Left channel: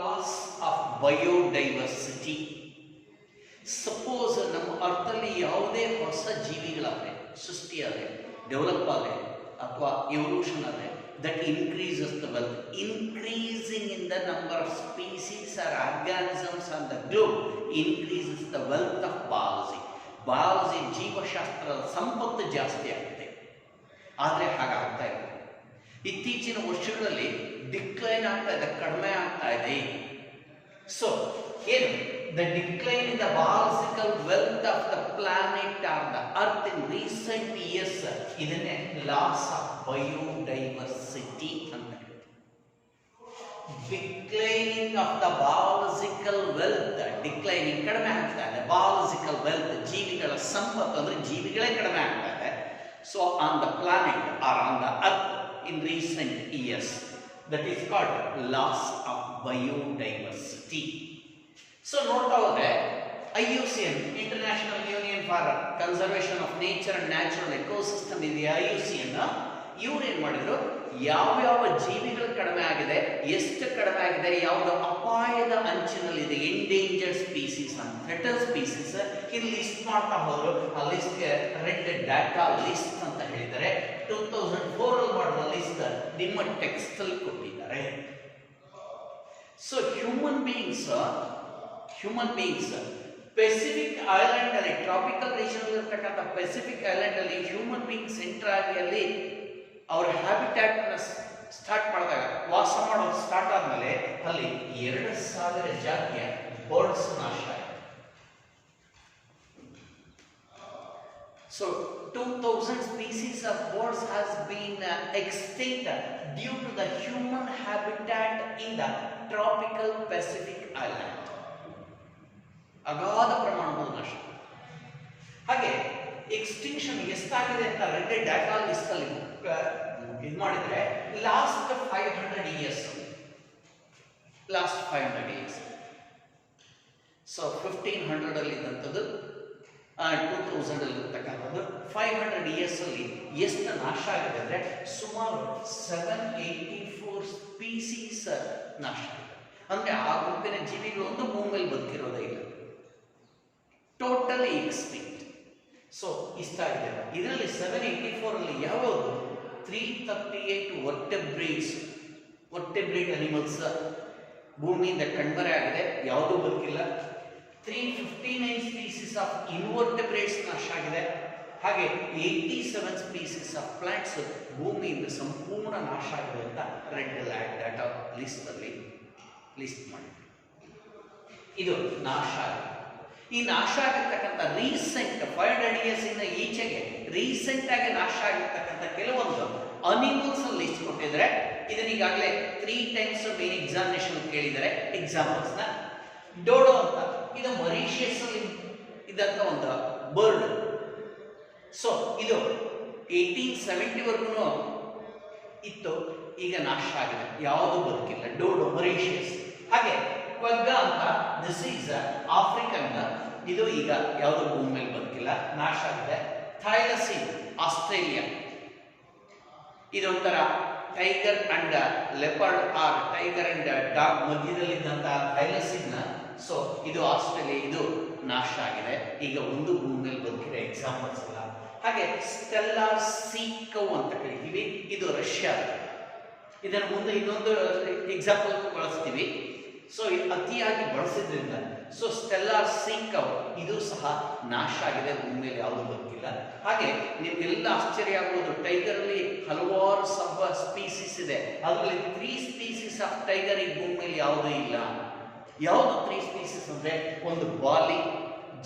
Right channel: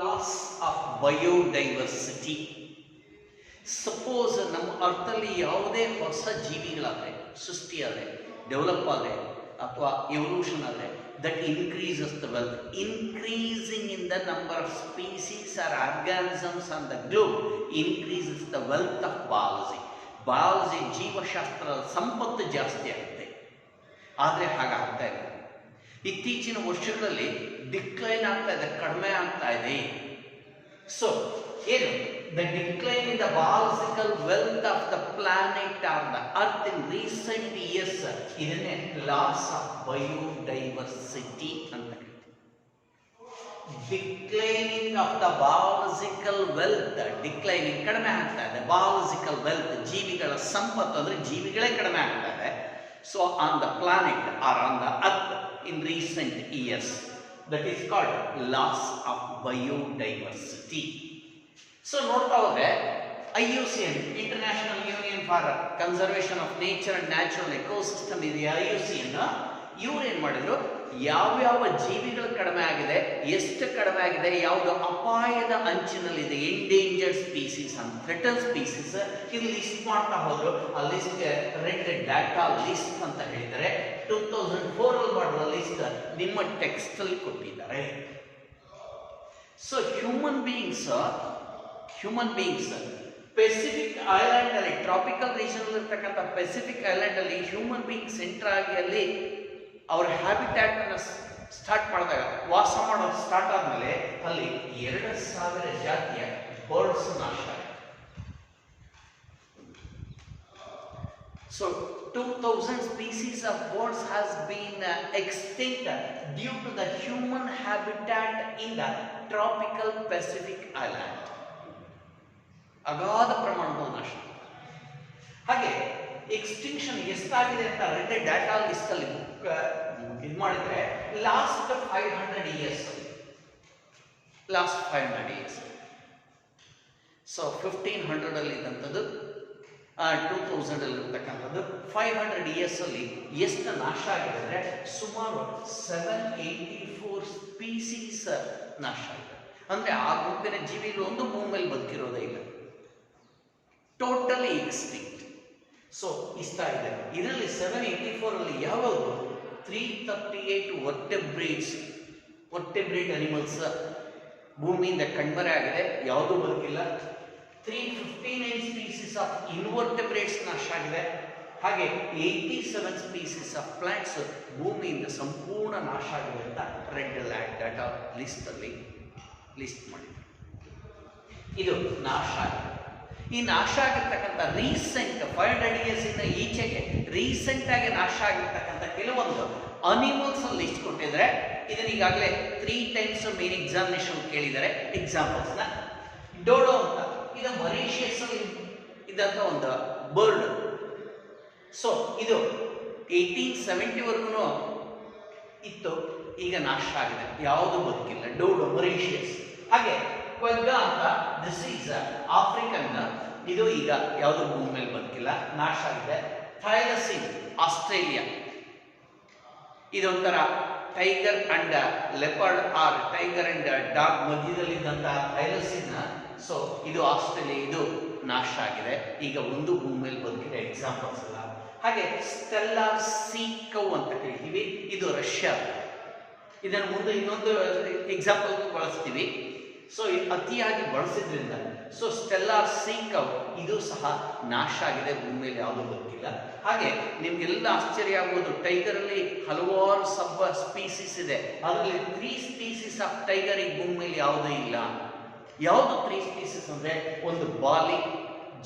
Loss of biodiversity. Suppose ನಮ್ಮ ಅರ್ಥದಲ್ಲಿ ಯಾವುದೇ ಹೊಸ ಜೀವಿಗಳಾದರೆ, ಸೃಷ್ಟಿಯಾದರೆ, ಡೆವಲಪ್ ಆದರೆ ಅಥವಾ ಎವಲ್ಯೂಷನ್ ಆದರೆ, that increases the wealth. Increasing in the number of species or organisms on the globe increases the wealth of biology. Biology, ಜೀವಶಾಸ್ತ್ರದ ಸಂಪತ್ತು ಜಾಸ್ತಿ ಆಗುತ್ತೆ. ಆದರೆ ಹಾಗಾಗ್ತಾ ಇಲ್ಲ. ಇತ್ತೀಚಿನ ವರ್ಷಗಳಲ್ಲಿ ಡಿಕ್ಲೈನ್ ಆಗ್ತಾ ಇದೆ, ಕಡಿಮೆ ಆಗ್ತಾ ಇದೆ. ಸೊ ಏನು the decline in the biological wealth of the planet are the earth in recent years, ಇದನ್ನೇ ಲಾಸ್ ಆಫ್ ಬಯೋಡೈವರ್ಸಿಟಿ ಅಂತ. Declining of the biological wealth, declining ಕಡಿಮೆ ಆಗ್ತಾ ಇದೆ. ಬಯಾಲಜಿಕಲ್ ವೆಲ್ತ್, ಜೀವಿಗಳ ಸಂಪತ್ತು ಅಂದ್ರೆ ಜೀವಿಗಳೇ ಕಡಿಮೆ ಆಗ್ತಾ ಇದೆ. So on the planet or on the earth in recent years, that is called loss of biodiversity. So ನೋಡ್ತಾ ಹೋದ್ರೆ IUCN, International Union for Conservation of Nature and Natural Ecosystem ಇದೆ. IUCN ಇವ್ರು ಏನ್ ಮಾಡಿದ್ರು, ಯಾವ್ಯಾವ ಜೀವಿಗಳು ಕಡಿಮೆ ಆಗಿದೆ, ಎಷ್ಟು ಕಡಿಮೆ ಆಗಿದೆ, ಯಾವುದು ಅಪಾಯದ ಅಂಚಿನಲ್ಲಿದೆ, ಎಂಡೇಂಜರ್ಡ್ ಸ್ಪೀಸೀಸ್ ಅಂತ, ಥ್ರೆಟನ್ ಸ್ಪೀಸೀಸ್, ಇಲ್ಲಿ ಲಿಸ್ಟ್ ಮಾಡ್ತಾ ಹೋದ್ರು. ಆ ಲಿಸ್ಟ್ ರೆಡ್ ಡಾಟಾ ಲಿಸ್ಟ್ ಅಂತ ಹೇಳಿದ್ದಾರೆ. 2004 ಅಲ್ಲಿ ಮಾಡಿದ ಲಿಸ್ಟ್ ನಿಮ್ಮ ಟೆಕ್ಸ್ಟ್ ಅಲ್ಲಿ ಕೊಟ್ಟಿದ್ದಾರೆ. So human beings Pacific island ಅಲ್ಲಿ, ಟ್ರಾಪಿಕಲ್ ರೀಜನ್ ಇರ್ತಕ್ಕಂಥ ಪೆಸಿಫಿಕ್ ಐಲ್ಯಾಂಡ್ ಅಲ್ಲಿ ಹ್ಯೂಮನ್ ಬೀಯಿಂಗ್ ಸೆಂಟರ್ ಆಗಿ ಅಲ್ಲಿ ಅವರ ಹ್ಯಾಬಿಟ್ಯಾಟ್ ಸ್ಟಾರ್ಟ್ ಮಾಡಿದಾಗ, ವಾಸ ಮಾಡೋದು ಸ್ಟಾರ್ಟ್ ಆದ್ಮೇಲೆ ಅಲ್ಲಿ 2000 ಜಾತಿಯ ಬರ್ಡ್ಸ್ ನಾಶ ಆಗಿದೆ. So 2000 species of birds has been extinct due to the human habitat in the tropical Pacific island. ಅಗಾಧ ಪ್ರಮಾಣದ ನಾಶ. ಹಾಗೆ ಎಕ್ಸ್ಟಿಂಕ್ಷನ್ ಎಷ್ಟಾಗಿದೆ ಅಂತ ರೆಡ್ ಡಾಟಾ ಲಿಸ್ಟ್ ಅಲ್ಲಿ ಇದು ಮಾಡಿದ್ರೆ ಲಾಸ್ಟ್ 500 ಇಯರ್ಸ್, ಸೊ 1500 ಅಲ್ಲಿ ಇದ್ದಂಥದ್ದು 2000 ಅಲ್ಲಿ ಇರ್ತಕ್ಕಂಥದ್ದು 500 ಇಯರ್ಸ್ ಅಲ್ಲಿ ಎಷ್ಟು ನಾಶ ಆಗಿದೆ ಅಂದ್ರೆ ಸುಮಾರು 784 ಸ್ಪೀಸೀಸ್ ನಾಶ ಆಗಿದೆ. ಅಂದ್ರೆ ಆ ಗುಂಪಿನ ಜೀವಿಗಳು ಒಂದು ಭೂಮಿ ಮೇಲೆ ಬದುಕಿರೋದೇ ಇಲ್ಲ, ಟೋಟಲಿ ಎಕ್ಸ್ಟಿಂಕ್ಟ್. ಸೊ ಇಷ್ಟ ಇದೆ. ಇದರಲ್ಲಿ 784 ಅಲ್ಲಿ ಯಾವುದು 338 ವರ್ಟೆಬ್ರೇಟ್ ಅನಿಮಲ್ಸ್ ಭೂಮಿಯಿಂದ ಕಣ್ಮರೆ ಆಗಿದೆ, ಯಾವುದೂ ಬದುಕಿಲ್ಲ. 359 ಸ್ಪೀಸೀಸ್ ಆಫ್ ಇನ್ವರ್ಟೆಬ್ರೇಟ್ಸ್ ನಾಶ ಆಗಿದೆ. ಹಾಗೆ 87 ಸ್ಪೀಸೀಸ್ ಆಫ್ ಪ್ಲಾಂಟ್ಸ್ ಭೂಮಿಯಿಂದ ಸಂಪೂರ್ಣ ನಾಶ ಆಗಿದೆ ಅಂತ ರೆಡ್ ಡಾಟಾ ಲಿಸ್ಟ್ ಅಲ್ಲಿ ಲಿಸ್ಟ್ ಮಾಡಿ. ಇದು ನಾಶ ಆಗಿದೆ. ಈ ನಾಶ ಆಗಿರ್ತಕ್ಕಂಥ ರೀಸೆಂಟ್ 500 ಇಯರ್ಸ್ ಇಂದ ಈಚೆಗೆ ರೀಸೆಂಟ್ ಆಗಿ ನಾಶ ಆಗಿರ್ತಕ್ಕಂಥ ಕೆಲವೊಂದು ಅನಿಮಲ್ಸ್ ಅಲ್ಲಿ ಲಿಸ್ಟ್ ಕೊಟ್ಟಿದ್ದಾರೆ. ಇದನ್ನ ಈಗಾಗಲೇ 3 ಟೈಮ್ಸ್ ಮೇನ್ ಎಕ್ಸಾಮಿನೇಷನ್ ಕೇಳಿದ್ದಾರೆ. ಎಕ್ಸಾಂಪಲ್ಸ್ ನ ಡೋಡೋ ಅಂತ, ಇದು ಮರಿಷಿಯಸ್ ಅಲ್ಲಿ ಇದ್ದಂತ ಒಂದು ಬರ್ಡ್. ಸೊ ಇದು 1870 ವರೆಗೂ ಇತ್ತು, ಈಗ ನಾಶ ಆಗಿದೆ, ಯಾವುದು ಬದುಕಿಲ್ಲ. ಡೋಡೋ ಮರಿಷಿಯಸ್. ಹಾಗೆ ಕ್ವೆಗ್ಗ ಅಂತ, ದಿಸ್ ಈಸ್ ಆಫ್ರಿಕನ್, ಇದು ಈಗ ಯಾವುದು ಭೂಮಿ ಮೇಲೆ ಬದುಕಿಲ್ಲ, ನಾಶ ಆಗಿದೆ. ಥೈಲಸಿನ್ ಆಸ್ಟ್ರೇಲಿಯಾ, ಇದೊಂಥರ tiger and leopard or tiger and dog ಮಧ್ಯದಲ್ಲಿದ್ದಂತಹ ಥೈಲಸಿನ್. ಸೊ ಇದು ಆಸ್ಟ್ರೇಲಿಯಾ, ಇದು ನಾಶ ಆಗಿದೆ, ಈಗ ಒಂದು ಭೂಮಿ ಮೇಲೆ ಬದುಕಿದೆ. ಎಕ್ಸಾಂಪಲ್ಸ್ ಎಲ್ಲ. ಹಾಗೆ ಸ್ಟೆಲ್ಲಾರ್ ಸೀಕೌ ಅಂತ ಕರಿತೀವಿ, ಇದು ರಷ್ಯಾ. ಇದರ ಮುಂದೆ ಇನ್ನೊಂದು ಎಕ್ಸಾಂಪಲ್ ಬಳಸ್ತೀವಿ. ಸೊ ಅತಿಯಾಗಿ ಬಳಸಿದ್ರಿಂದ ಸೊ ಸ್ಟೆಲ್ಲಾರ್ ಸೀಕೌ ಇದು ಸಹ ನಾಶ ಆಗಿದೆ, ಭೂಮಿಯಲ್ಲಿ ಯಾವುದು ಬದುಕಿಲ್ಲ. ಹಾಗೆ ನಿಮ್ಗೆಲ್ಲ ಆಶ್ಚರ್ಯ ಆಗ್ಬೋದು, ಟೈಗರ್ ಅಲ್ಲಿ ಹಲವಾರು ಸ್ಪೀಸೀಸ್ ಇದೆ, ಅದರಲ್ಲಿ 3 ಸ್ಪೀಸೀಸ್ ಆಫ್ ಟೈಗರ್ ಈ ಭೂಮಿಯಲ್ಲಿ ಯಾವುದೂ ಇಲ್ಲ. ಯಾವುದು 3 ಸ್ಪೀಸೀಸ್ ಅಂದ್ರೆ ಒಂದು ಬಾಲಿ,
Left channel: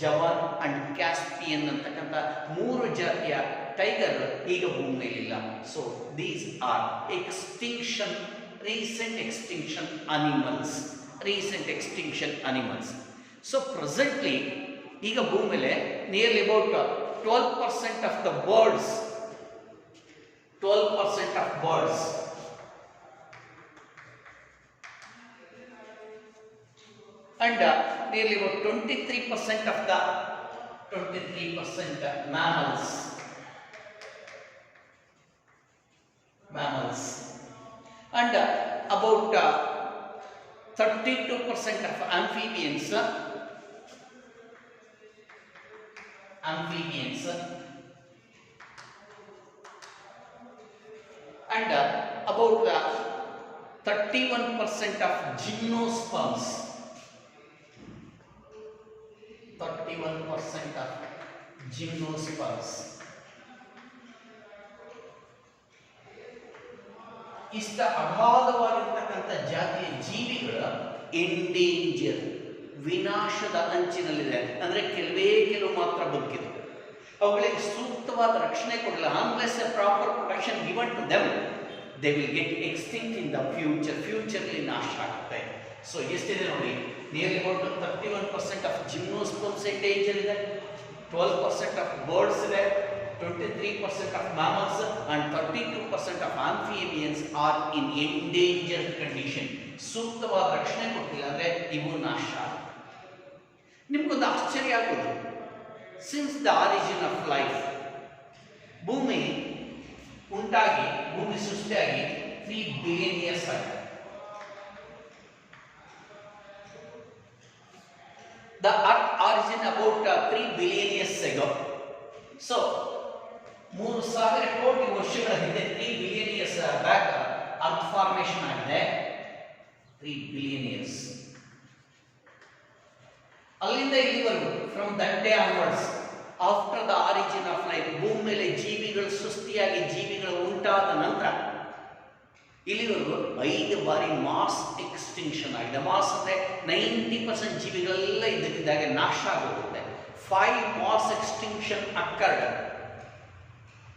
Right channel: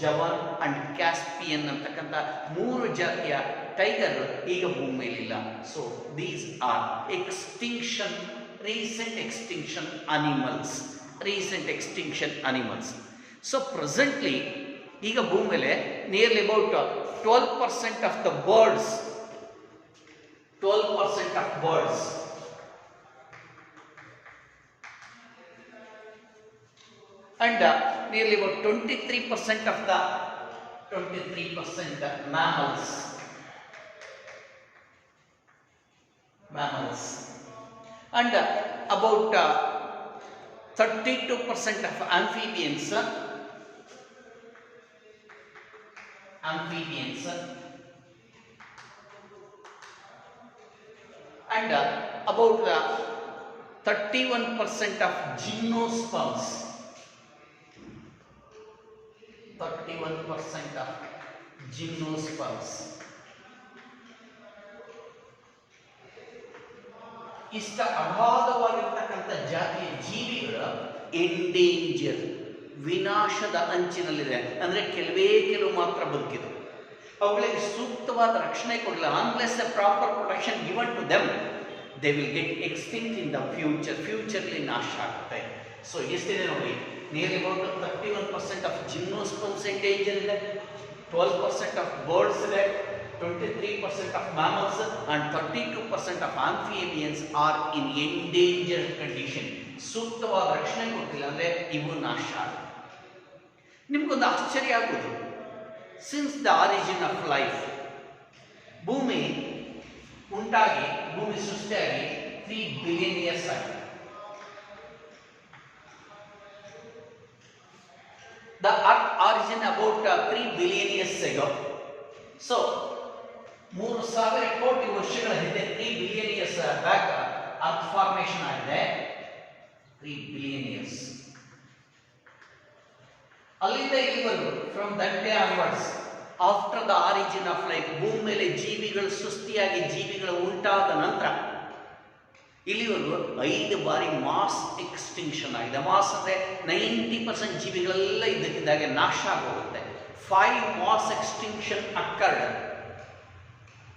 ಜವಾನ್ ಅಂಡ್ ಕ್ಯಾಸ್ಪಿಯನ್ ಅಂತಕ್ಕಂಥ 3 ಜಾತಿಯ ಟೈಗರ್ ಈಗ ಭೂಮಿಯಲ್ಲಿ ಇಲ್ಲ. So these are extinction, recent extinction animals. So presently ಈಗ ಭೂಮಿ ಮೇಲೆ nearly about 12% of the birds, 12% of birds and nearly about 23% of the 23% mammals and about 32% of amphibians, and about 31% of gymnosperms. 31% of gymnosperms. ಇಷ್ಟ ಅಗಾಧವಾಗಿರ್ತಕ್ಕಂಥ ಜಾತಿಯ ಜೀವಿಗಳ endanger, ವಿನಾಶದ ಅಂಚಿನಲ್ಲಿದೆ. ಅಂದರೆ ಕೆಲವು ಮಾತ್ರ ಬದುಕಿದೆ. ಅವುಗಳಿಗೆ ಸೂಕ್ತವಾದ ರಕ್ಷಣೆ ಕೊಡಲ್ಲ. Unless a proper protection given to them, they will get extinct in the ಫ್ಯೂಚರ್ಲಿ ನಾಶ ಆಗುತ್ತೆ. ಸೊ ಎಷ್ಟಿದೆ ನೋಡಿ, nearly about 31% of gymnosperms endanger ಇದೆ, 12% ಆಫ್ ಬರ್ಡ್ಸ್ ಇದೆ, 23% of mammals and 32% of amphibians are in endangered condition. ಸೂಕ್ತವಾದ ರಕ್ಷಣೆ ಕೊಟ್ಟಿಲ್ಲ ಅಂದರೆ ಇವು ನಾಶ. ನಿಮ್ಗೊಂದು ಆಶ್ಚರ್ಯ ಆಗೋದು, since the origin of life, ಭೂಮಿ ಉಂಟಾಗಿ, ಭೂಮಿ ಸೃಷ್ಟಿಯಾಗಿ 3 ಬಿಲಿಯನ್ ಇಯರ್ಸ್ ಆಗಿದೆ. The earth origin about 3 billion years ago. So 3,000 ಕೋಟಿ ವರ್ಷಗಳ ಹಿಂದೆ 3 billion years back earth formation ಆಗಿದೆ. 3 ಬಿಲಿಯನ್ ಇಯರ್ಸ್. ಅಲ್ಲಿಂದ ಇಲ್ಲಿವರೆಗೂ, from that day onwards, after the origin of life, ಭೂಮಿ ಮೇಲೆ ಜೀವಿಗಳು ಸೃಷ್ಟಿಯಾಗಿ, ಜೀವಿಗಳು ಉಂಟಾದ ನಂತರ ಇಲ್ಲಿವರೆಗೂ 5 ಬಾರಿ ಮಾಸ್ ಎಕ್ಸ್ಟಿಂಕ್ಷನ್ ಆಗಿದೆ. ಮಾಸ್ ಅಂದರೆ 90% ಜೀವಿಗಳೆಲ್ಲ ಇದ್ದಕ್ಕಿದ್ದಾಗೆ ನಾಶ ಆಗೋಗುತ್ತೆ. 5 ಮಾಸ್ ಎಕ್ಸ್ಟಿಂಕ್ಷನ್ ಅಕ್ಕರ್ಡ್.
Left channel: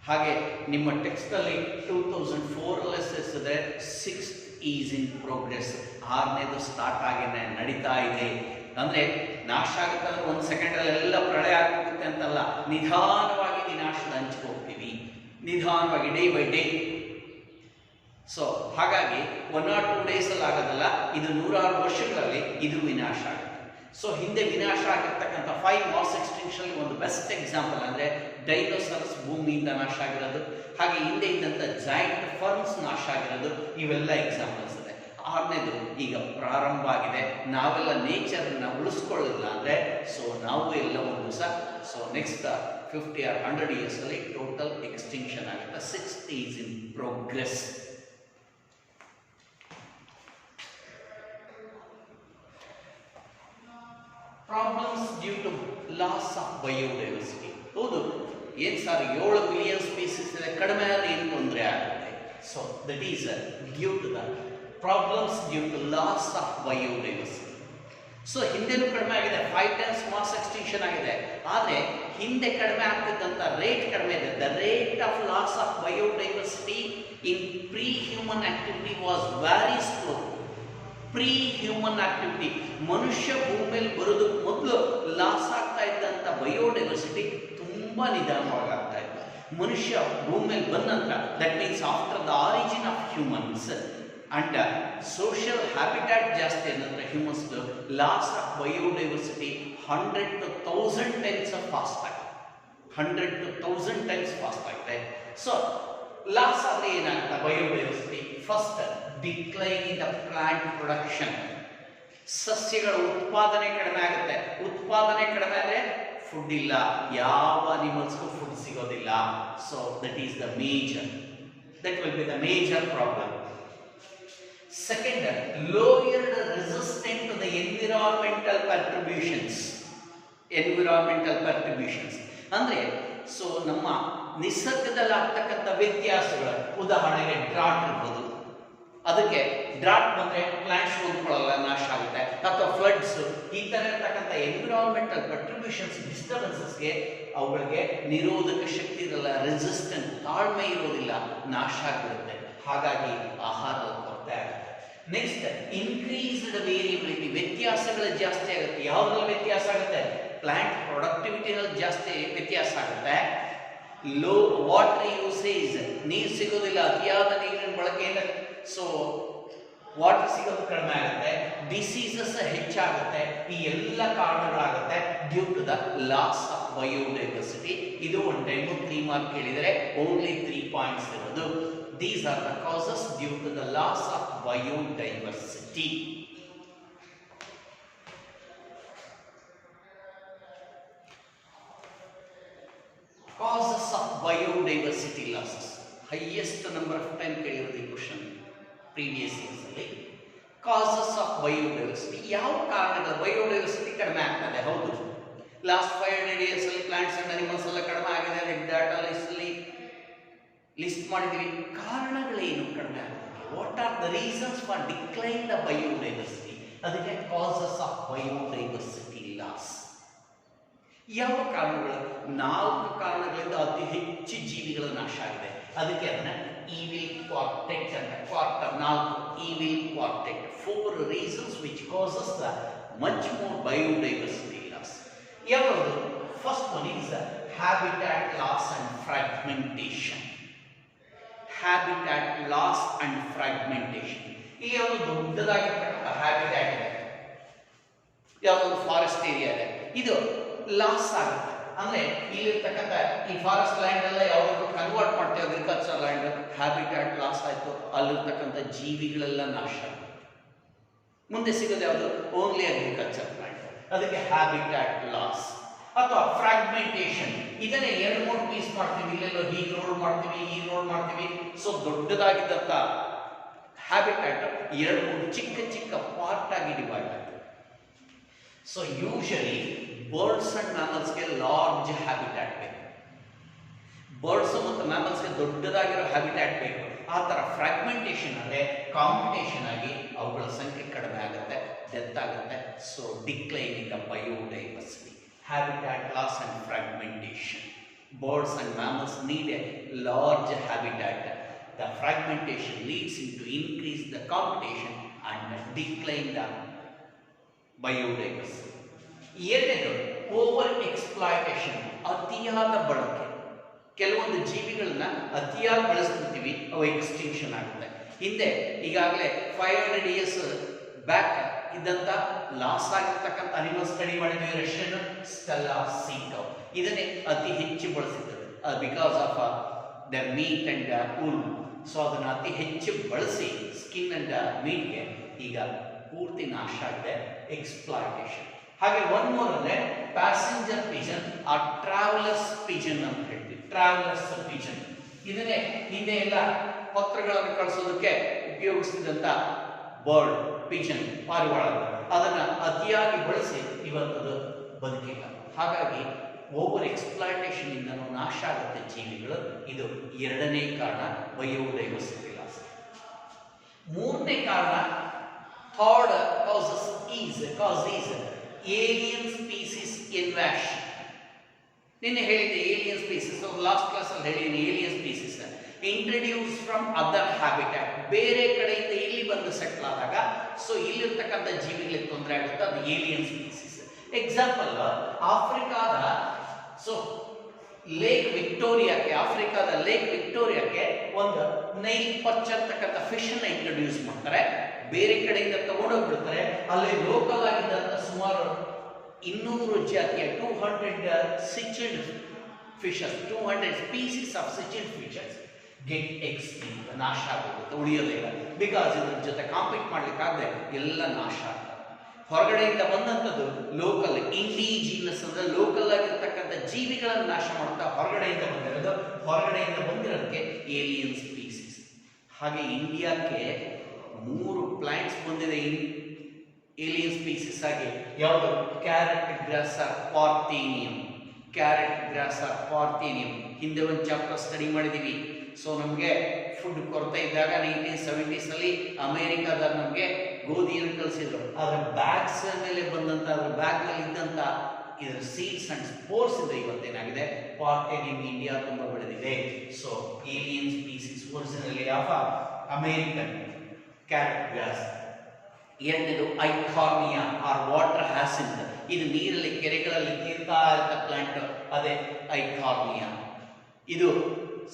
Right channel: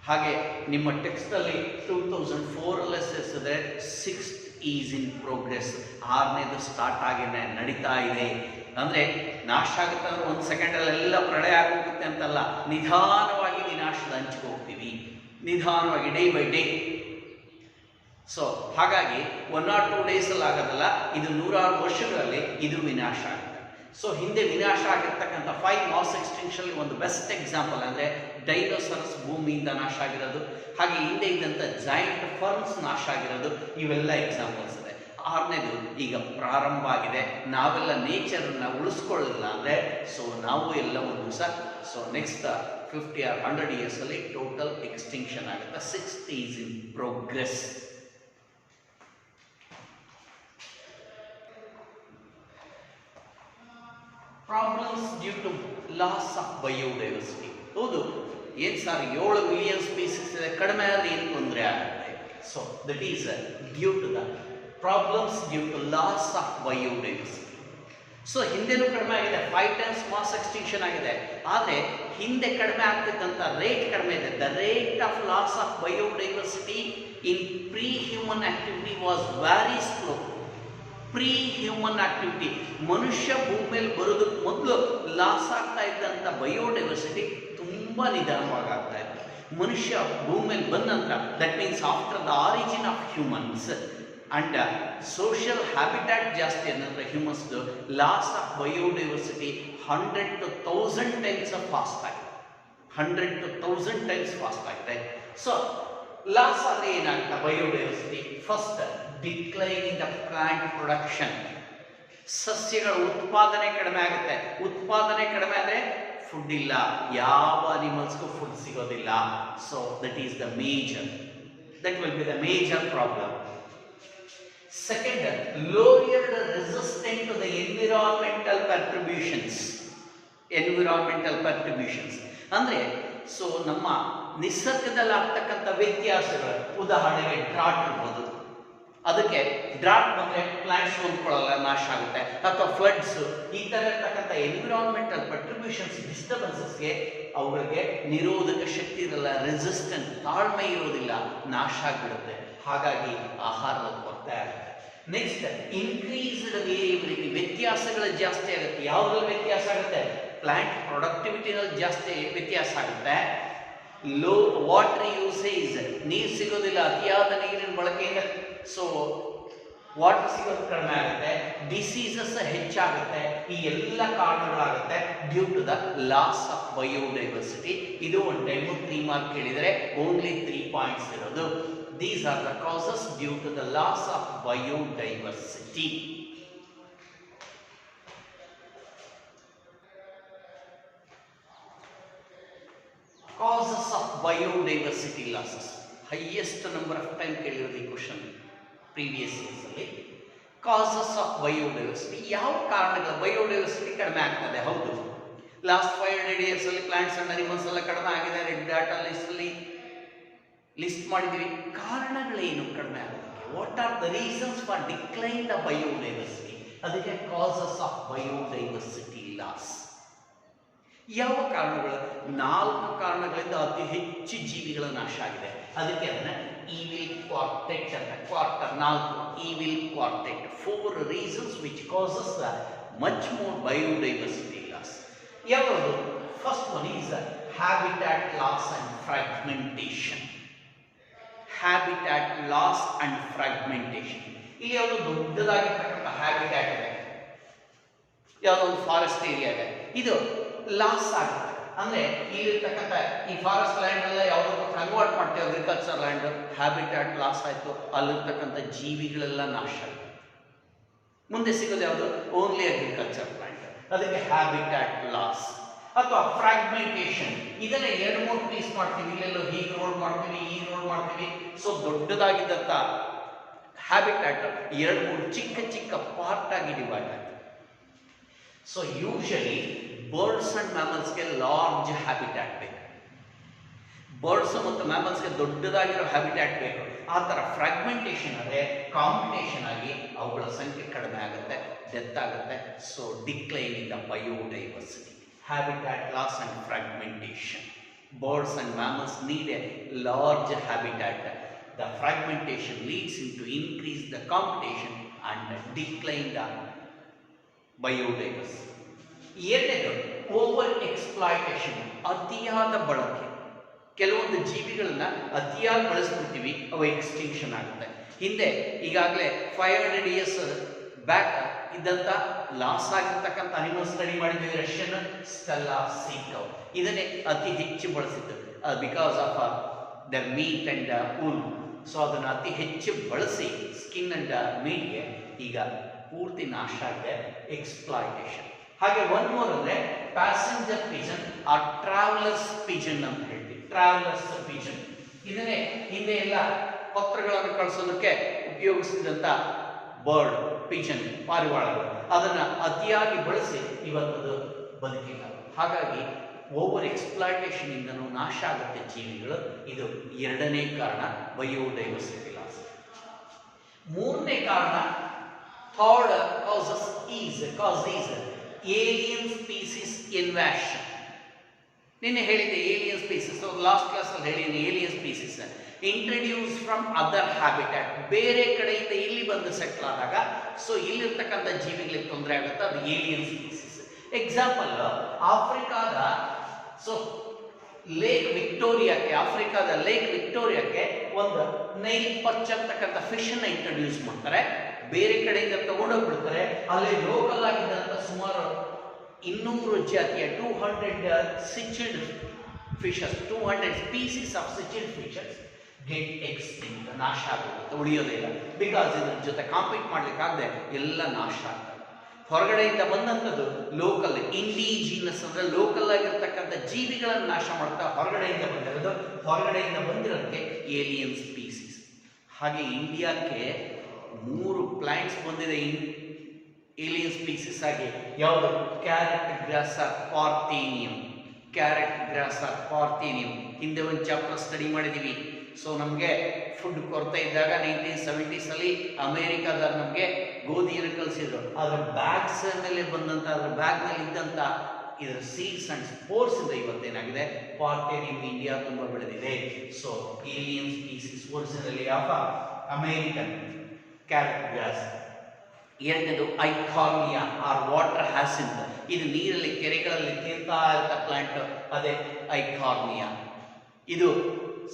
ಹಾಗೆ ನಿಮ್ಮ ಟೆಕ್ಸ್ಟಲ್ಲಿ 2004 ಸೇರಿಸಿದ್ರೆ 6th ಈಸ್ ಇನ್ ಪ್ರೋಗ್ರೆಸ್, 6ನೇದು ಸ್ಟಾರ್ಟ್ ಆಗಿದೆ, ನಡೀತಾ ಇದೆ. ಅಂದರೆ ನಾಶ ಆಗುತ್ತೆ ಅಂದರೆ 1 ಸೆಕೆಂಡಲ್ಲೆಲ್ಲ ಪ್ರಳಯ ಆಗೋಗುತ್ತೆ ಅಂತಲ್ಲ, ನಿಧಾನವಾಗಿ ವಿನಾಶದ ಹಂಚಿಗೆ ಹೋಗ್ತೀವಿ, ನಿಧಾನವಾಗಿ, ಡೇ ಬೈ ಡೇ. ಸೊ ಹಾಗಾಗಿ 1 or 2 ಡೇಸಲ್ಲಿ ಆಗೋದಲ್ಲ, ಇದು 100 ವರ್ಷಗಳಲ್ಲಿ ಇದು ವಿನಾಶ ಆಗುತ್ತೆ. ಸೊ ಹಿಂದೆ ವಿನಾಶ ಆಗಿರ್ತಕ್ಕಂಥ 5 ಮಾಸ್ ಎಕ್ಸ್ಟಿಂಕ್ಷನ್ ಒಂದು ಬೆಸ್ಟ್ ಎಕ್ಸಾಂಪಲ್ ಅಂದರೆ ಡೈನೋಸಾರ್ಸ್ ಭೂಮಿಯಿಂದ ನಾಶ ಆಗಿರೋದು, ಹಾಗೆ ಹಿಂದೆ ಇದ್ದಂಥ ಜಾಯಿಂಟ್ ಫರ್ಮ್ಸ್ ನಾಶ ಆಗಿರೋದು, ಇವೆಲ್ಲ ಎಕ್ಸಾಂಪಲ್ಸ್ ಇದೆ. 6ನೇದು ಈಗ ಪ್ರಾರಂಭ ಆಗಿದೆ. ನಾವೆಲ್ಲ ನೇಚರನ್ನು ಉಳಿಸ್ಕೊಳ್ಳಿಲ್ಲ ಅಂದರೆ ಸೊ ನಾವು ಎಲ್ಲ ಒಂದು ದಿವಸ, ಸೊ ನೆಕ್ಸ್ಟ್ 50 or 100 ಇಯರ್ಸಲ್ಲಿ ಟೋಟಲ್ ಎಕ್ಸ್ಟಿಂಕ್ಷನ್ ಆಗುತ್ತೆ. 6th is in progress. Problems due to loss of biodiversity. ಹೌದು, ಏನು ಸರ್ 7 ಮಿಲಿಯನ್ ಸ್ಪೀಸೀಸ್ ಇದೆ, ಕಡಿಮೆ ಆದರೆ ಏನು ತೊಂದರೆ ಆಗುತ್ತೆ. So that is due to the problems due to loss of biodiversity. So ಹಿಂದೆನೂ ಕಡಿಮೆ ಆಗಿದೆ, 5 times ಮಾಸ್ ಎಕ್ಸ್ಟಿಂಕ್ಷನ್ ಆಗಿದೆ. ಆದರೆ ಹಿಂದೆ ಕಡಿಮೆ ಆಗ್ತಿದ್ದಂಥ ರೇಟ್ ಕಡಿಮೆ ಇದೆ. The rate of loss of biodiversity in pre human activity was very slow. Pre human activity, ಮನುಷ್ಯ ಭೂಮಿಯಲ್ಲಿ ಬರೋದಕ್ಕೆ ಮೊದಲು ಲಾಸ್ ಆಗ್ತಾ ಇದ್ದಂಥ ಬಯೋಡೈವರ್ಸಿಟಿ ತುಂಬ ನಿಧಾನವಾಗಿ ಆಗ್ತಾ ಇತ್ತು. ಮನುಷ್ಯ ಭೂಮಿಯಲ್ಲಿ ಬಂದ ನಂತರ, that means after the origin of humans and social habitat ಜಾಸ್ತಿ ಅಂದರೆ ಹ್ಯೂಮನ್ಸ್ದು loss of biodiversity 100 to 1000 times fast ಆಗಿದೆ. 100 to 1000 times ಫಾಸ್ಟ್ ಆಗಿದೆ. ಸೊ ಲಾಸ್ ಆದರೆ ಏನಾಗುತ್ತೆ biodiversity? First, decline in the plant production. ಸಸ್ಯಗಳ ಉತ್ಪಾದನೆ ಕಡಿಮೆ ಆಗುತ್ತೆ. ಉತ್ಪಾದನೆ ಕಡಿಮೆ ಆದರೆ ಫುಡ್ ಇಲ್ಲ, ಯಾವ ಅನಿಮಲ್ಸ್ಗೂ ಫುಡ್ ಸಿಗೋದಿಲ್ಲ. So that is the major, that will be the major problem. Second, lowered resistant to the environmental perturbations. ಅಂದರೆ ಸೊ ನಮ್ಮ ನಿಸರ್ಗದಲ್ಲಿ ಆಗ್ತಕ್ಕಂಥ ವ್ಯತ್ಯಾಸಗಳು, ಉದಾಹರಣೆಗೆ ಡ್ರಾಟ್ ಇರ್ಬೋದು. ಅದಕ್ಕೆ ಡ್ರಾಟ್ ಬಂದರೆ ಪ್ಲಾಂಟ್ಸ್ ಹೊಂದ್ಕೊಳ್ಳಲ್ಲ, ನಾಶ ಆಗುತ್ತೆ. ಅಥವಾ ಫ್ಲಡ್ಸ್, ಈ ಥರ ಇರ್ತಕ್ಕಂಥ ಎನ್ವಿರಾನ್ಮೆಂಟಲ್ ಪರ್ಟ್ರಿಬ್ಯೂಷನ್ಸ್, ಡಿಸ್ಟರ್ಬೆನ್ಸಸ್ಗೆ ಅವುಗಳಿಗೆ ನಿರೋಧಕ ಶಕ್ತಿ ಇರಲ್ಲ, ರೆಸಿಸ್ಟೆಂಟ್, ತಾಳ್ಮೆ ಇರೋದಿಲ್ಲ, ನಾಶ ಆಗಿಬಿಡುತ್ತೆ. ಹಾಗಾಗಿ ಆಹಾರದ ಕೊರತೆ ಆಗುತ್ತೆ. ನೆಕ್ಸ್ಟ್, ಇನ್ಕ್ರೀಸ್ಡ್ ವೇರಿಯಬಿಲಿಟಿ, ವ್ಯತ್ಯಾಸಗಳು ಜಾಸ್ತಿ ಆಗುತ್ತೆ. ಯಾವುದ್ರಲ್ಲಿ ವ್ಯತ್ಯಾಸ ಆಗುತ್ತೆ? ಪ್ಲಾಂಟ್ ಪ್ರೊಡಕ್ಟಿವಿಟಿನಲ್ಲಿ ಜಾಸ್ತಿ ವ್ಯತ್ಯಾಸ ಆಗುತ್ತೆ. ಲೋ ವಾಟರ್ ಯೂಸೇಜ್, ನೀರು ಸಿಗೋದಿಲ್ಲ, ಅತಿಯಾದ ನೀರಿನ ಬಳಕೆಯಿಂದ ಸೊ ವಾಟರ್ ಸಿಗೋದು ಕಡಿಮೆ ಆಗುತ್ತೆ. ಡಿಸೀಸಸ್ ಹೆಚ್ಚಾಗುತ್ತೆ. ಈ ಎಲ್ಲ ಕಾರಣಗಳಾಗುತ್ತೆ due to the loss of biodiversity. ಇದು ಒಂದು ಟೈಮು 3 ಮಾರ್ಕ್ ಕೇಳಿದರೆ ಓನ್ಲಿ 3 ಪಾಯಿಂಟ್ಸ್ ಇರೋದು. These are the causes due to the loss of biodiversity. Biodiversity losses. Highest number of time ಕೇಳಿರೋದು ಕ್ವಶನ್ ಪ್ರೀವಿಯಸ್ ಇಯರ್ಸ್ ಅಲ್ಲಿ. ಕಾಸಸ್ ಆಫ್ ಬಯೋಡೈವರ್ಸಿಟಿ, ಯಾವ ಕಾರಣಗಳು biodiversity ಕಡಿಮೆ ಆಗ್ತದೆ? ಹೌದು, ಲಾಸ್ಟ್ 500 years ಅಲ್ಲಿ ಪ್ಲಾಂಟ್ಸ್ ಅಂಡ್ ಅನಿಮಲ್ಸ್ ಎಲ್ಲ ಕಡಿಮೆ ಆಗಿದೆ, ಡಾಟಾ ಲಿಸ್ಟ್ ಮಾಡಿದ್ದೀವಿ. ಕಾರಣಗಳೇನು ಕಡಿಮೆ ಆಗುತ್ತೆ? What are the reasons for decline the biodiversity? ಅದಕ್ಕೆ ಕಾಸಸ್ ಆಫ್ ಬಯೋಡೈವರ್ಸಿಟಿ ಲಾಸ್. ಯಾವ ಕಾರಣಗಳು? 4 ಕಾರಣಗಳಿಂದ ಅತಿ ಹೆಚ್ಚು ಜೀವಿಗಳ ನಾಶ ಆಗಿದೆ. ಅದಕ್ಕೆ ಅದನ್ನ ಈವಿಲ್ ಕ್ವಾರ್ಟೆಟ್ ಅಂತ, quarter 4 evil ಕ್ವಾರ್ಟೆಟ್, 4 reasons which causes the much more biodiversity loss. ಯಾವುದು? First one is habitat loss and fragmentation. habitat loss and fragmentation. ಇಲ್ಲಿ ಒಂದು ದೊಡ್ಡದಾಗಿರ್ತಕ್ಕಂಥ ಹ್ಯಾಬಿಟ್ಯಾಟ್ ಇದೆ, ಯಾವುದೋ ಒಂದು ಫಾರೆಸ್ಟ್ ಏರಿಯಾ ಇದೆ, ಇದು ಲಾಸ್ ಆಗುತ್ತೆ. ಅಂದ್ರೆ ಇಲ್ಲಿರ್ತಕ್ಕಂಥ ಈ ಫಾರೆಸ್ಟ್ ಲ್ಯಾಂಡ್ ಎಲ್ಲ ಯಾವುದಕ್ಕೂ ಕನ್ವರ್ಟ್ ಮಾಡ್ತೀವಿ ಅಗ್ರಿಕಲ್ಚರ್ ಲ್ಯಾಂಡ್, ಹ್ಯಾಬಿಟ್ಯಾಟ್ ಲಾಸ್ ಆಯ್ತು, ಅಲ್ಲಿರ್ತಕ್ಕಂಥ ಜೀವಿಗಳೆಲ್ಲ ನಾಶ ಆಗುತ್ತೆ. ಮುಂದೆ ಸಿಗೋದು ಯಾವುದು? ಓನ್ಲಿ ಅಗ್ರಿಕಲ್ಚರ್ ಲ್ಯಾಂಡ್, ಅದಕ್ಕೆ ಹ್ಯಾಬಿಟ್ಯಾಟ್ ಲಾಸ್. ಅಥವಾ ಫ್ರಾಗ್ಮೆಂಟೇಷನ್, ಇದನ್ನ 2-3 ಪೀಸ್ ಮಾಡ್ತೀವಿ, ಇಲ್ಲೆಲ್ಲೋ ಹೀಗೆ ರೋಡ್ ಮಾಡ್ತೀವಿ, ಹೀಗೆ ರೋಡ್ ಮಾಡ್ತೀವಿ. ಸೊ ದೊಡ್ಡದಾಗಿದ್ದಂಥ ಹ್ಯಾಬಿಟ್ಯಾಟ್ 2-3 ಚಿಕ್ಕ ಚಿಕ್ಕ ಪಾರ್ಟ್ ಆಗಿ ಡಿವೈಡ್ ಆಗುತ್ತೆ. ಸೊ ಯೂಶಲಿ ಬರ್ಡ್ಸ್ ಅಂಡ್ ಮ್ಯಾಮಲ್ಸ್ಗೆ ಲಾರ್ಜ್ ಹ್ಯಾಬಿಟ್ಯಾಟ್ ಬೇಕು, ಬರ್ಡ್ಸ್ ಮತ್ತು ಮ್ಯಾಮಲ್ಸ್ಗೆ ದೊಡ್ಡದಾಗಿರೋ ಹ್ಯಾಬಿಟ್ಯಾಟ್ ಬೇಕು. ಆ ಥರ ಫ್ರಾಗ್ಮೆಂಟೇಷನ್ ಅಂದರೆ ಕಾಂಪಿಟೇಷನ್ ಆಗಿ ಅವುಗಳ ಸಂಖ್ಯೆ ಕಡಿಮೆ ಆಗುತ್ತೆ, ಡೆತ್ ಆಗುತ್ತೆ. So decline in the biodiversity, habitat loss and fragmentation. Birds and mammals need a large habitat. The fragmentation leads into increase the competition and decline the biodiversity. ಎರಡನೇದು ಓವರ್ ಎಕ್ಸ್ಪ್ಲಾಯ್ಟೇಷನ್, ಅತಿಯಾದ ಬಳಕೆ. ಕೆಲವೊಂದು ಜೀವಿಗಳನ್ನ ಅತಿಯಾಗಿ ಬಳಸ್ಬಿಡ್ತೀವಿ, ಅವು ಎಕ್ಸ್ಟಿಂಕ್ಷನ್ ಆಗುತ್ತೆ. ಹಿಂದೆ ಈಗಾಗಲೇ 500 years ಬ್ಯಾಕ್ ಇದ್ದಂತ ಲಾಸ್ ಆಗಿರ್ತಕ್ಕಂಥ ಅನಿಮಲ್ ಸ್ಟಡಿ ಮಾಡಿದ್ವಿ, ರಷ್ಯನ್ ಸ್ಟೆಲ್ಲಾ ಸೀ ಕೌ. ಇದನ್ನೇ ಅತಿ ಹೆಚ್ಚು ಬಳಸಿದ್ರು because of the meet and wool. So ಅದನ್ನು ಅತಿ ಹೆಚ್ಚು ಬಳಸಿ ಸ್ಕಿನ್ ಅಂಡ್ ಮೀಟ್ಗೆ ಈಗ ಪೂರ್ತಿ ನಾಶ ಆಗಿದೆ, ಎಕ್ಸ್ಪ್ಲಾಯ್ಟೇಷನ್. ಹಾಗೆ ಒನ್ ಮೋರ್ ಅಂದ್ರೆ passenger pigeon or travellers pigeon ಅಂತ ಹೇಳ್ತೀವಿ, ಟ್ರಾವೆಲರ್ಸ್ ಪಿಜನ್. ಇದನ್ನೇ ಹಿಂದೆ ಎಲ್ಲ ಪತ್ರಗಳನ್ನು ಕಳಿಸೋದಕ್ಕೆ ಉಪಯೋಗಿಸಿದಂತ ಬರ್ಡ್ ಪಿಜನ್, ಪಾರಿವಾಳಗಳು, ಅದನ್ನ ಅತಿಯಾಗಿ ಬಳಸಿ ಇವತ್ತದು ಬದುಕಿಲ್ಲ. ಹಾಗಾಗಿ ಓವರ್ ಎಕ್ಸ್ಪ್ಲಾಯ್ಟೇಷನ್ ಇಂದನೂ ನಾಶ ಆಗುತ್ತೆ ಜೀವಿಗಳು. ಇದು ಎರಡನೇ ಕಾರಣ, ಬಯೋಡೈವರ್ಸಿಟಿ ಲಾಸ್. ಮೂರನೇ ಕಾರಣ, third cause is alien species invasion. ನಿನ್ನೆ ಹೇಳಿದ್ದೆ ಏಲಿಯನ್ ಸ್ಪೀಸಿಸ್, ಲಾಸ್ಟ್ ಕ್ಲಾಸ್ ಅಲ್ಲಿ ಹೇಳಿದ್ದೀನಿ. Alien species introduce from other habitat, ಬೇರೆ ಕಡೆಯಿಂದ ಇಲ್ಲಿ ಬಂದು ಸೆಟ್ಲ್ ಆದಾಗ ಸೊ ಇಲ್ಲಿರ್ತಕ್ಕಂಥ ಜೀವಿಗಳಿಗೆ ತೊಂದರೆ ಆಗುತ್ತೆ, ಅದು ಏಲಿಯನ್ ಸ್ಪೀಸಿಸ್. ಎಕ್ಸಾಂಪಲ್, ಆಫ್ರಿಕಾದ ಸೊ ಲೇಕ್ ವಿಕ್ಟೋರಿಯಾಕ್ಕೆ, ಆಫ್ರಿಕಾದ ಲೇಕ್ ವಿಕ್ಟೋರಿಯಾಕ್ಕೆ ಒಂದು ನೈಲ್ ಪರ್ಚ್ ಅಂತಕ್ಕಂಥ ಫಿಶ್ ಅನ್ನ ಇಂಟ್ರಡ್ಯೂಸ್ ಮಾಡ್ತಾರೆ, ಬೇರೆ ಕಡೆಯಿಂದ ತಗೊಂಡೋಗ್ಬಿಡ್ತಾರೆ. ಅಲ್ಲಿ ಲೋಕಲ್ ಆಗಿದ್ದಂಥ ಸುಮಾರು 200 ಜಾತಿಯ 200 cichlid fishes, 200 species of cichlid fishes get extinct, ನಾಶ ಆಗೋಗುತ್ತೆ, ಉಳಿಯೋದೇ ಇಲ್ಲ. ಬಿಕಾಸ್ ಇದ್ರ ಜೊತೆ ಕಾಂಪೀಟ್ ಮಾಡ್ಲಿಕ್ಕಾಗದೆ ಎಲ್ಲ ನಾಶ ಆಗ್ತದೆ. ಹೊರಗಡೆಯಿಂದ ಬಂದಂಥದ್ದು ಲೋಕಲ್ ಇಂಡಿಜಿನಸ್ ಅಂದ್ರೆ ಲೋಕಲ್ ಆಗಿರ್ತಕ್ಕಂಥ ಜೀವಿಗಳನ್ನು ನಾಶ ಮಾಡ್ತಾ ಹೊರಗಡೆಯಿಂದ ಬಂದಿರೋದು, ಹೊರಗಡೆಯಿಂದ ಬಂದಿರೋದಕ್ಕೆ ಏಲಿಯನ್ ಸ್ಪೀಸೀಸ್. ಹಾಗೆ ಇಂಡಿಯಾಕ್ಕೆ 3 ಪ್ಲಾಂಟ್ಸ್ ಬಂದಿದೆ ಏಲಿಯನ್ ಸ್ಪೀಸೀಸ್ ಆಗಿ. ಯಾವುದು? Carrot grosser parthenium, carrot grosser parthenium. ಹಿಂದೆ ಒಂದು ಚಾಪ್ಟರ್ ಸ್ಟಡಿ ಮಾಡಿದ್ದೀವಿ. ಸೊ ನಮಗೆ ಫುಡ್ ಕೊರತೆ ಇದ್ದಾಗ 1970s ಅಲ್ಲಿ ಅಮೇರಿಕಾದ ನಮಗೆ ಗೋಧಿಯನ್ನು ಕಳಿಸಿದ್ರು. ಅದರ ಬ್ಯಾಗ್ಸ್ ಮೇಲೆ ಬಂದಂತ, ಅದರ ಬ್ಯಾಗ್ ಮೇಲೆ ಇದ್ದಂತ ಇದರ ಸೀಡ್ಸ್ ಅಂಡ್ ಸ್ಪೋರ್ಸ್ ಇಂದ ಇವತ್ತೇನಾಗಿದೆ, ಪಾರ್ಥೇನಿಯಂ ಇಂಡಿಯಾ ತುಂಬಾ ಬೆಳೆದಿದೆ. So alien species originally of American carrot grass. ಎರಡನೇದು ಐಕಾರ್ನಿಯಾ ಆರ್ ವಾಟರ್ ಹ್ಯಾಸಿಂತ್, ಇದು ನೀರಲ್ಲಿ ಕೆರೆಗಳಲ್ಲಿ ತೇಲ್ತಾ ಇರ್ತ ಪ್ಲಾಂಟ್, ಅದೇ ಐಕಾರ್ನಿಯಾ. ಇದು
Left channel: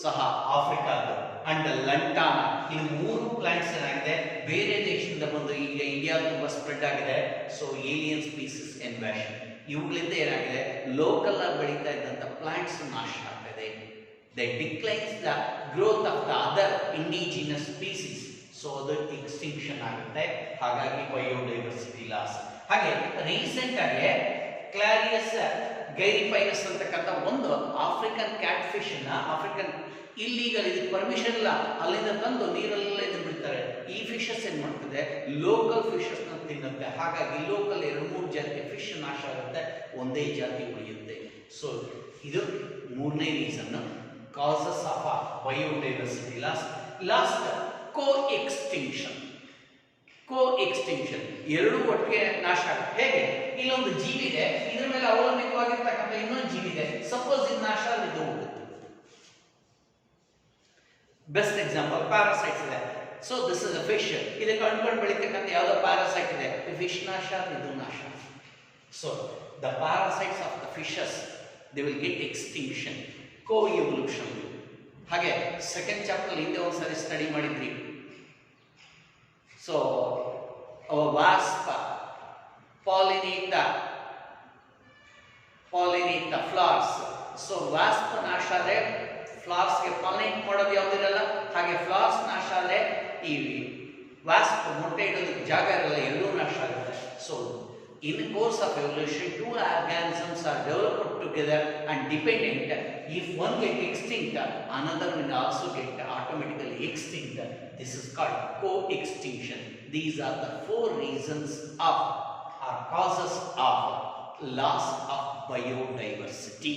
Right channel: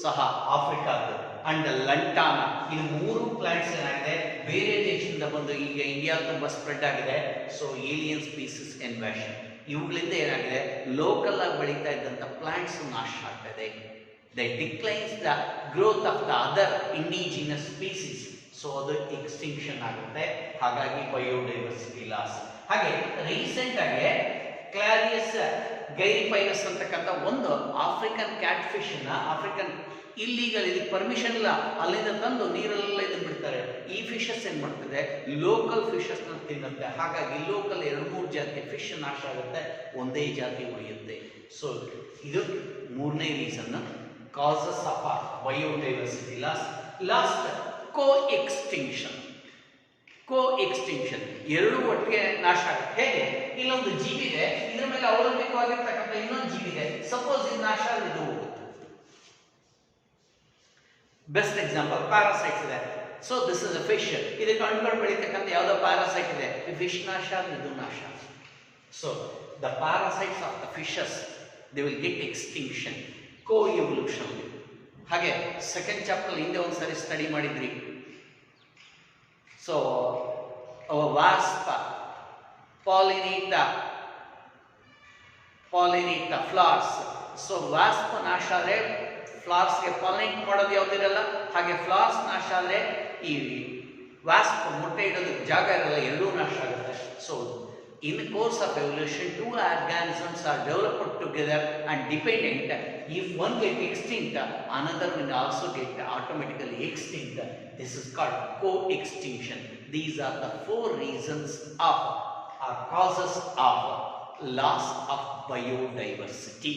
ಸಹ ಆಫ್ರಿಕಾದ. ಅಂಡ್ ಲಂಟಾನ, ಇದು 3 ಪ್ಲಾಂಟ್ಸ್ ಏನಾಗಿದೆ ಬೇರೆ ದೇಶದಿಂದ ಬಂದು ಈಗ ಇಂಡಿಯಾ ತುಂಬಾ ಸ್ಪ್ರೆಡ್ ಆಗಿದೆ. ಸೊ ಏಲಿಯನ್ ಸ್ಪೀಸೀಸ್ ಇನ್ವ್ಯಾಷನ್, ಇವುಗಳಿಂದ ಏನಾಗಿದೆ ಲೋಕಲ್ ಆಗಿ ಬೆಳೀತಾ ಇದ್ದಂಥ ಪ್ಲಾಂಟ್ಸ್ ನಾಶ ಆಗ್ತದೆ. They declines the growth of the other indigenous species. So ಅದು ಎಕ್ಸ್ಟಿಂಕ್ಷನ್ ಆಗುತ್ತೆ, ಹಾಗಾಗಿ ಬಯೋಡೈವರ್ಸಿಟಿ ಲಾಸ್. ಹಾಗೆ ರೀಸೆಂಟ್ ಆಗಿ ಕ್ಲಾರಿಯಸ್ ಗೈರಿಪೈನಸ್ ಅಂತಕ್ಕಂಥ ಒಂದು African cat fish African illegal, ಇದು ಪರ್ಮಿಷನ್ ಇಲ್ಲ, ಅಲ್ಲಿಂದ ತಂದು ನೀರೆಲ್ಲ ಇದು ಬಿಡ್ತಾರೆ. ಈ ಫಿಶಸ್ ಏನ್ ಮಾಡ್ತದೆ, ಲೋಕಲ್ ಫಿಶಸ್ ನ ತಿನ್ನುತ್ತೆ. ಹಾಗಾಗಿ ಲೋಕಲ್ 2-3 ಜಾತಿ ಫಿಶ್ ನಾಶ ಆಗುತ್ತೆ, ಒಂದೇ ಜಾತಿ ಉಳಿಯುತ್ತೆ. ಸೊ ಇದು ಮೂರನೇ reason, causes of biodiversity lost coextinction. ಎರಡು ಒಟ್ಟಿಗೆ ನಾಶ ಆಗುತ್ತೆ. ಹೇಗೆ, ಇಲ್ಲೊಂದು ಜೀವಿ ಇದೆ, ಇದ್ರ ಮೇಲೆ ಅವಲಂಬಿತವಾಗಿರ್ತಕ್ಕಂಥ ಇನ್ನೊಂದು ಜೀವಿ ಇದೆ, ಸಪೋಸ್ ಇದು ನಾಶ ಆದ್ರೆ ಇದು ಹೋಗುತ್ತೆ. ಬೆಸ್ಟ್ ಎಕ್ಸಾಂಪಲ್ ಪ್ಯಾರಾಸೈಟ್ಸ್ ಇದೆ. So this is a fish, ಇದಕ್ಕೆ ಅಂಟ್ಕೊಂಡು ಬೆಳೀತಕ್ಕಂಥ ಯಾವುದೋ ಪ್ಯಾರಾಸೈಟ್ ಇದೆ, ಫಿಶ್ ನಾಶ, ಇದು ನಾಶ. So the parasites of the fishes they will get extinction, coevolution. ಹಾಗೆ ಸೆಕೆಂಡ್ ಚಾಪ್ಟರ್ ಹಿಂದೆ ಒಂದ್ಸರಿ ಸ್ಟಡಿ ಮಾಡಿದ್ರಿ. So wasp pollinate flowers. So wasp ನಾಶ ಆದ್ರೆ ಫ್ಲವರ್ಸ್ಗೆ ಪಾಲಿನೇಟ್ ಮಾಡೋದು ಯಾವುದಿರಲ್ಲ, ಹಾಗೆ ಫ್ಲವರ್ಸ್ ನಾಶ ಆದರೆ ಈ ವಾಸ್ಪ್ ಮೊಟ್ಟೆ ಇಡೋದಕ್ಕೆ ಜಾಗ ಇರಲ್ಲ, ಎರಡೂ ನಾಶ ಆಗುತ್ತೆ. So in course of evolution 2 organisms are developed together and dependent. If one get extinct, another will also get automatically extinct. This is called co-extinction. These are the 4 reasons of or causes of loss of biodiversity.